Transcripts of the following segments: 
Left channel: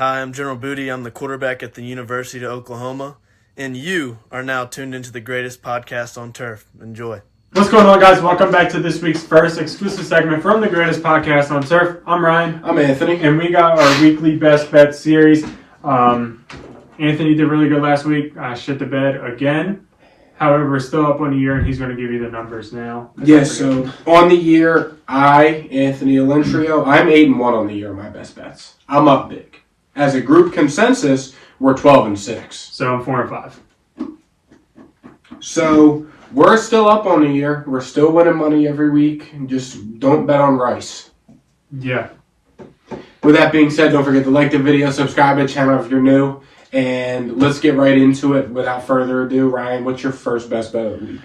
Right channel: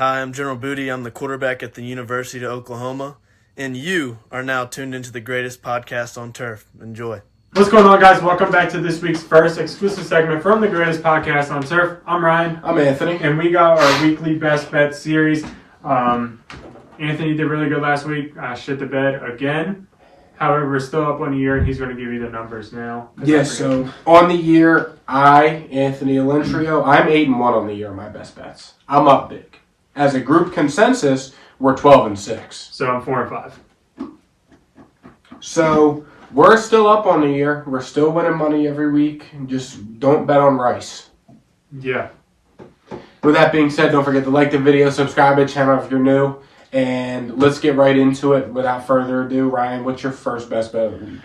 Hi, I'm General Booty. I'm the quarterback at the University of Oklahoma, and you are now tuned into the greatest podcast on turf. Enjoy. What's going on, guys? Welcome back to this week's first exclusive segment from the greatest podcast on turf. I'm Ryan. I'm Anthony. And we got our weekly best bet series. Anthony did really good last week. Shit the bed again. However, we're still up on the year, and he's going to give you the numbers now. Yeah, so on the year, Anthony Alentrio, I'm 8-1 on the year, my best bets. I'm up big. As a group consensus, we're 12-6. So I'm 4-5. So we're still up on the year. We're still winning money every week. Just don't bet on Rice. Yeah. With that being said, don't forget to like the video, subscribe to the channel if you're new, and let's get right into it. Without further ado, Ryan, what's your first best bet of the week?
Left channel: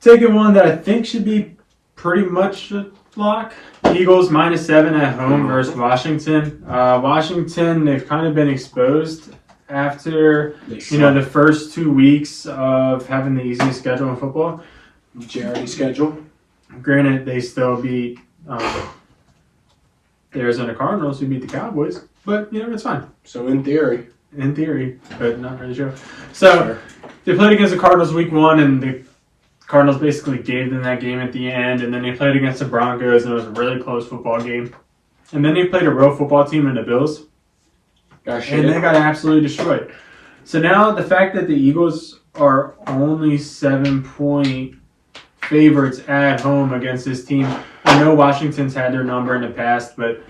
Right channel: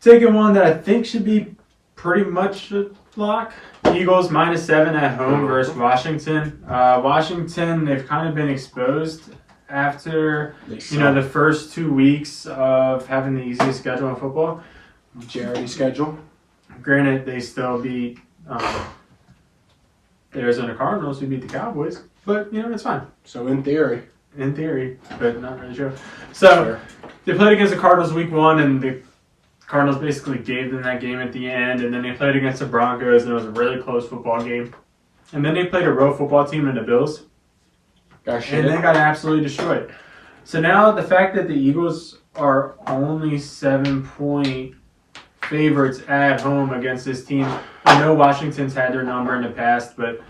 Taking one that I think should be pretty much a lock. Eagles -7 at home versus Washington. Washington, they've kind of been exposed after the first 2 weeks of having the easiest schedule in football. Jerry schedule. Granted, they still beat the Arizona Cardinals, who beat the Cowboys, but it's fine. So in theory, but not really sure. So they played against the Cardinals week 1, and the Cardinals basically gave them that game at the end, and then they played against the Broncos, and it was a really close football game. And then they played a real football team in the Bills, and they got absolutely destroyed. So now the fact that the Eagles are only 7-point favorites at home against this team, I know Washington's had their number in the past, but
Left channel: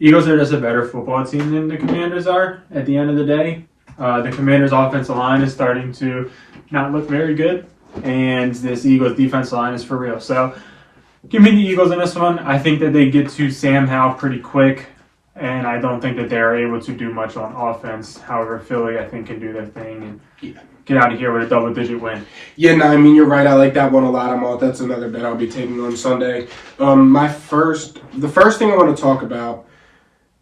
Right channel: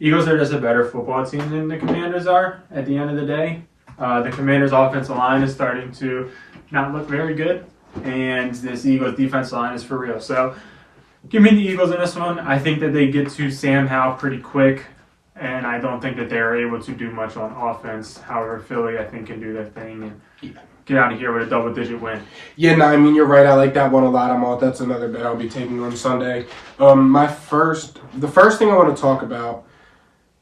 Eagles are just a better football team than the Commanders are at the end of the day. The Commanders' offensive line is starting to not look very good, and this Eagles' defensive line is for real. So give me the Eagles in this one. I think that they get to Sam Howell pretty quick, and I don't think that they're able to do much on offense. However, Philly, I think, can do their thing and get out of here with a double-digit win. Yeah, no, I mean, you're right. I like that one a lot. That's another bet I'll be taking on Sunday. The first thing I want to talk about,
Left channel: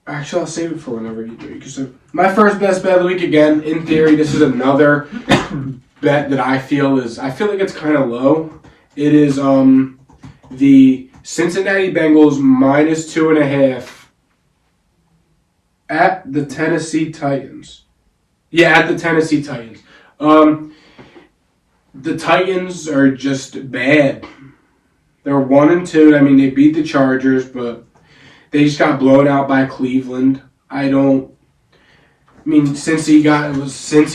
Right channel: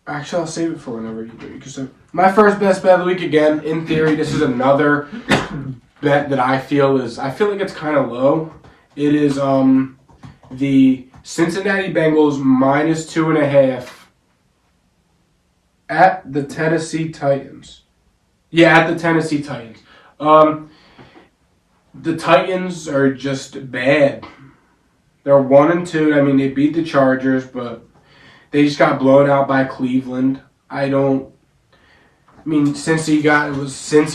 actually, I'll save it for whenever you do. So my first best bet of the week, again, in theory, this is another bet that I feel like it's kind of low. It is the Cincinnati Bengals -2.5 at the Tennessee Titans. Yeah, at the Tennessee Titans. The Titans are just bad. They're 1-2. I mean, they beat the Chargers, but they just got blown out by Cleveland. Since he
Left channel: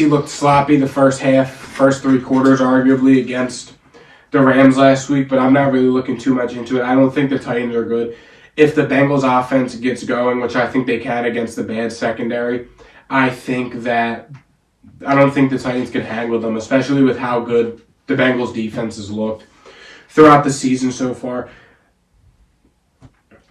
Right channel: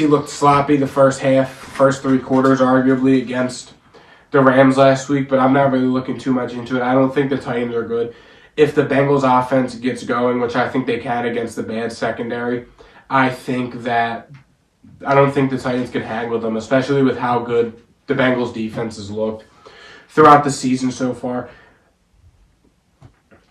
looked sloppy the first three quarters, arguably, against the Rams last week, but I'm not really looking too much into it. I don't think the Titans are good. If the Bengals offense gets going, which I think they can against the bad secondary, I don't think the Titans can hang with them, especially with how good the Bengals defense has looked throughout the season so far.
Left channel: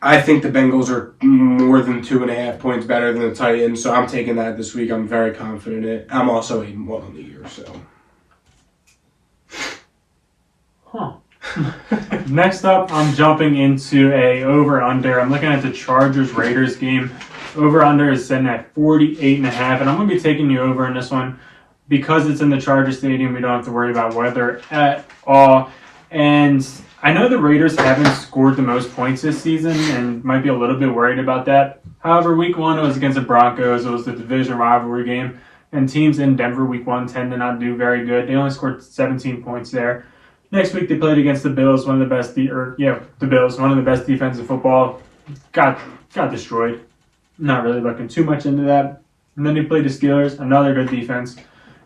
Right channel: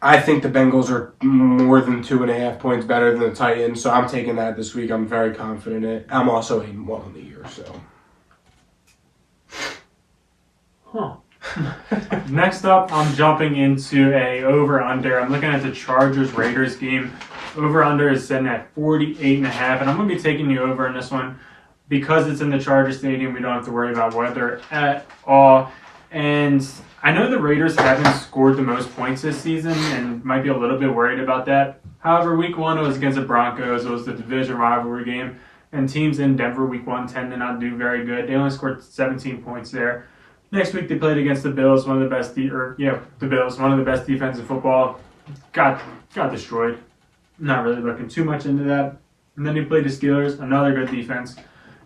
I think the Bengals are more than 2.5 points better than the Titans, so I'm taking that this week. I'm very confident in it. I'm also 8-1 on the year, so. Next up, I'm jumping into a over-under. I'm looking at the Chargers-Raiders game. Over-under is sitting at 48.5, and I'm going to be taking the over in this one. Because it's in the Chargers Stadium, we don't have to worry about weather at all. And I know the Raiders haven't scored the most points this season and might be a little bit worried about that. However, week 1 it was against the Broncos. It was the division rivalry game. And teams in Denver week 1 tend to not do very good. They only scored 17 points there. Next week they played against the Bills, one of the best defenses in football. Got destroyed. Not really looking too much into that. And then they played the Steelers, another good defense,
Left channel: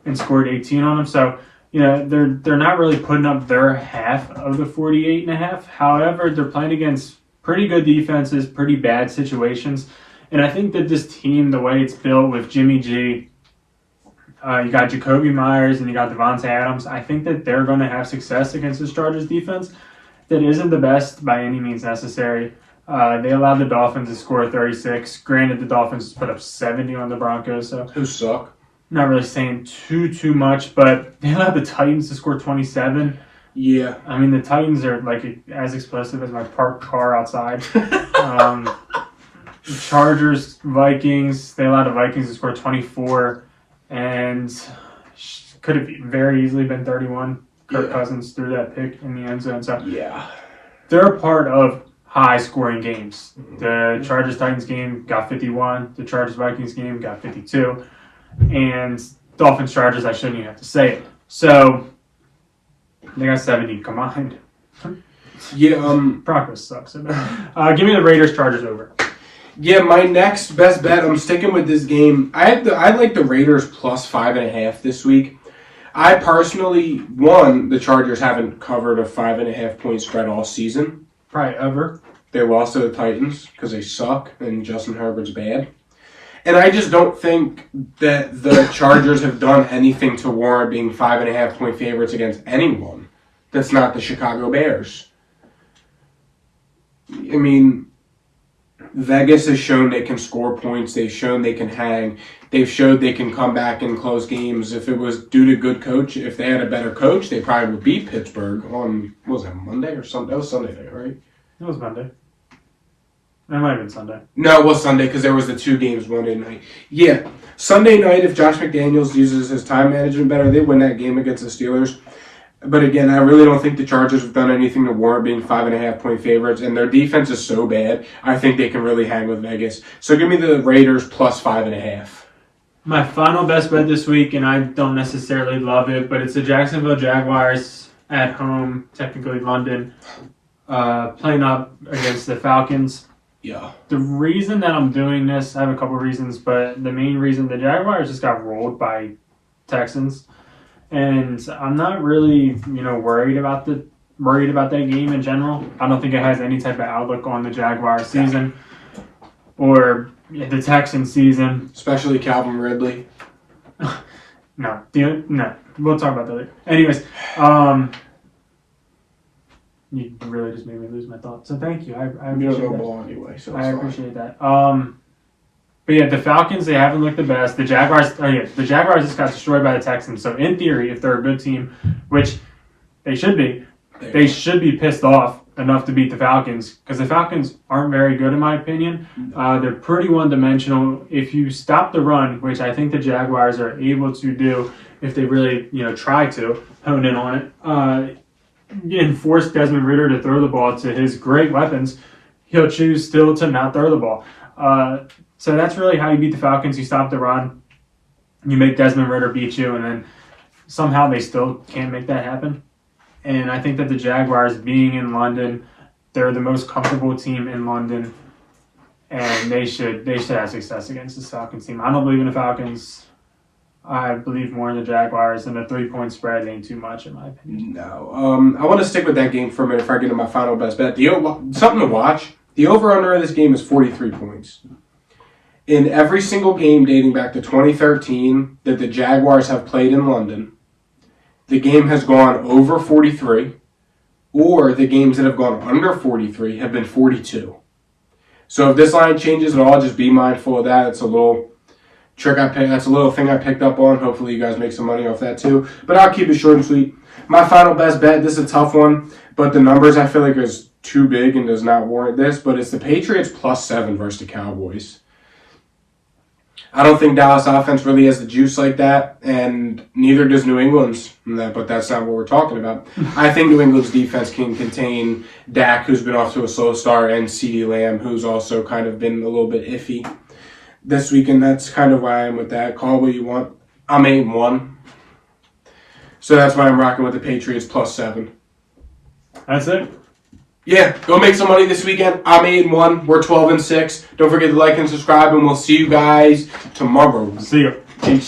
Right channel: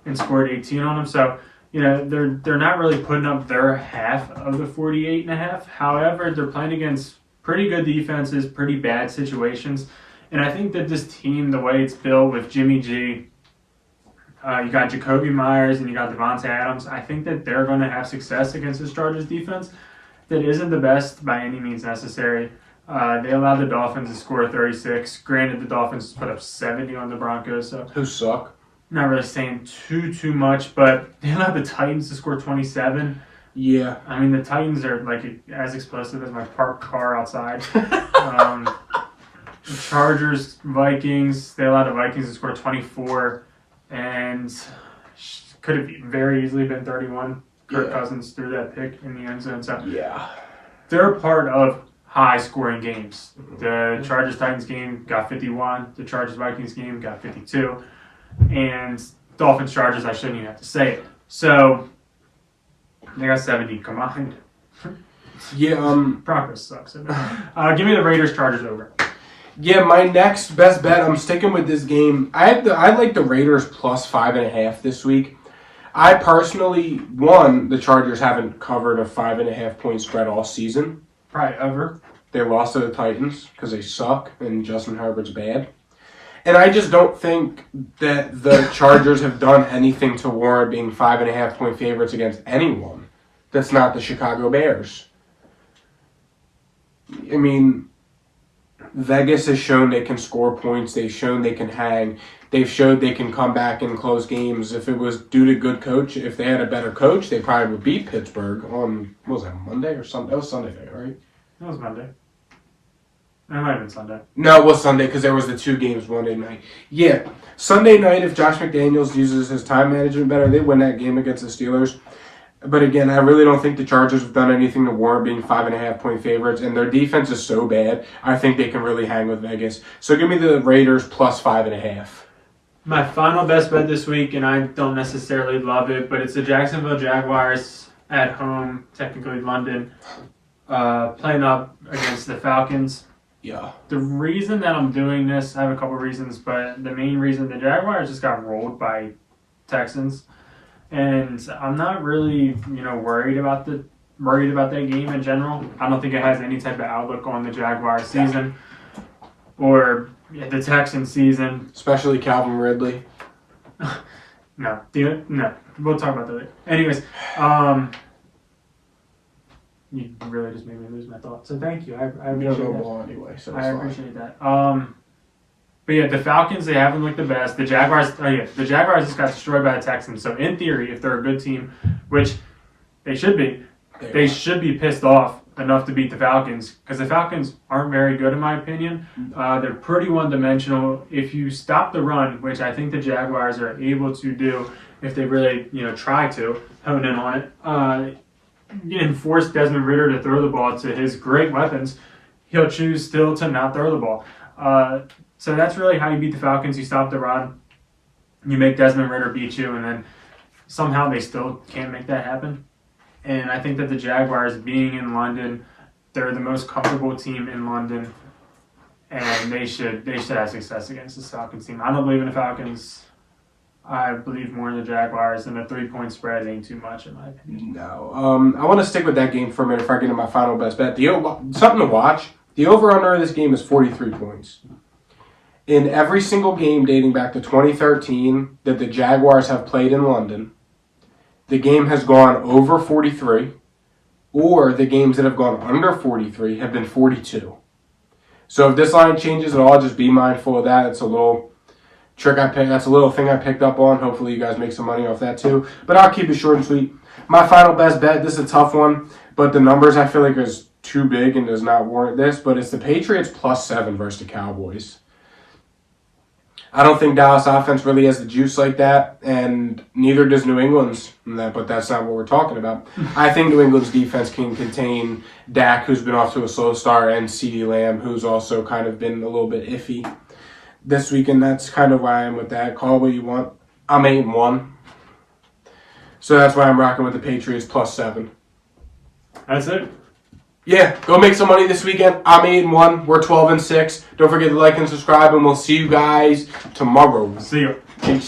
and scored 18 on them. So, they're not really putting up their half of the 48.5. However, they're playing against pretty good defenses, pretty bad situations. And I think that this team, the way it's built with Jimmy G, you got Jacoby Myers and you got Devontae Adams, I think that they're going to have success against this Chargers defense that isn't the best by any means necessary. They allowed the Dolphins to score 36. Granted, the Dolphins put up 70 on the Broncos. So who suck? Not really saying too much, but they allowed the Titans to score 27. Yeah. I mean, the Titans are like as explosive as my parked car outside. Chargers, Vikings, they allowed the Vikings to score 24, and could have very easily been 31. Kirk Cousins threw that pick in the end zone. So yeah, they're a part of high-scoring games. The Chargers-Titans game got 51. The Chargers-Vikings game got 52. And Dolphins-Chargers, I shouldn't even have to say it. So, they got 70 combined. Yeah, Progress sucks. Give me the Raiders-Chargers over. Yeah, my next best bet, I'm sticking with this game. I like the Raiders plus 5.5 this week. I personally, the Chargers haven't covered a 5.5 point spread all season. Probably over. They lost to the Titans because they suck and Justin Herbert's bad. And I just don't think that the Chargers have done anything to warrant being 5.5 point favorites against anyone that's not the Chicago Bears. I mean, Vegas has shown they can score points. They've shown they can hang. They've showed they can come back and close games. If it was due to good coach, if they had a better coach, they probably would beat Pittsburgh on, what was that, Monday or Sunday? That was Sunday night, right? It was Monday. It might have been Sunday. No, it was Sunday because there was the 2 games Monday night. Yeah, Sunday night, if Josh McDaniels uses his time management better, they win that game against the Steelers. But again, I really don't think the Chargers have done anything to warrant being 5.5 point favorites, and their defense is so bad, I think they can really hang with Vegas. So give me the Raiders plus 5.5. My final best bet this week, and I don't necessarily love it, but it's the Jacksonville Jaguars at home, technically London, playing up against the Falcons. Yeah. The reason that I'm doing this, I have a couple reasons, but the main reason, the Jaguars just got rolled by Texans. And I'm not really, worried about that game in general. I don't think it has any type of outlook on the Jaguars season or the Texans season. Especially Calvin Ridley. No, we'll talk about that later. Anyways, you really just made me lose my thought. So thank you. I appreciate that. Ball anyway, so I appreciate that. But yeah, the Falcons, they haven't looked the best. The Jaguars just got destroyed by the Texans. So in theory, if they're a good team, which they should be, they should be pissed off enough to beat the Falcons because the Falcons aren't very good in my opinion. They're pretty one-dimensional. If you stop the run, which I think the Jaguars are able to do if they really try to hone in on it, and force Desmond Ridder to throw the ball to his great weapons, he'll choose still to not throw the ball. So that's really how you beat the Falcons. You stop the run, you make Desmond Ridder beat you, and then somehow they still can't make that happen. And I think that the Jaguars, being in London, they're the most comfortable team in London, and they should have success against this Falcons team. I don't believe in the Falcons. I believe more in the Jaguars, and a 3-point spread ain't too much in my opinion. No. I want to stick with that game for a minute before I get to my final best bet. Something to watch. The over-under of this game is 43 points. In every single game dating back to 2013 that the Jaguars have played in London, the game has gone over 43, or the games that have gone under 43 have been 42. So if this line changes at all, just be mindful of that. It's a little trick I picked. That's a little thing I picked up on. Hopefully you guys make some money off that too. But I'll keep it short and sweet. My final best bet, this is a tough one, but the numbers I feel like is too big and does not warrant this, but it's the Patriots plus 7 versus the Cowboys. I don't think Dallas offense really has the juice like that, and neither does New England's, but that's not what we're talking about. I think New England's defense can contain Dak, who's been off to a slow start, and CeeDee Lamb, who's also kind of been a little bit iffy this weekend. That's kind of why I am with that. Call what you want. I'm 8-1. So that's why I'm rocking with the Patriots plus 7. That's it. Yeah, go make some money this weekend. I'm 8-1. We're 12-6. Don't forget to like and subscribe, and we'll see you guys tomorrow. See you. Peace.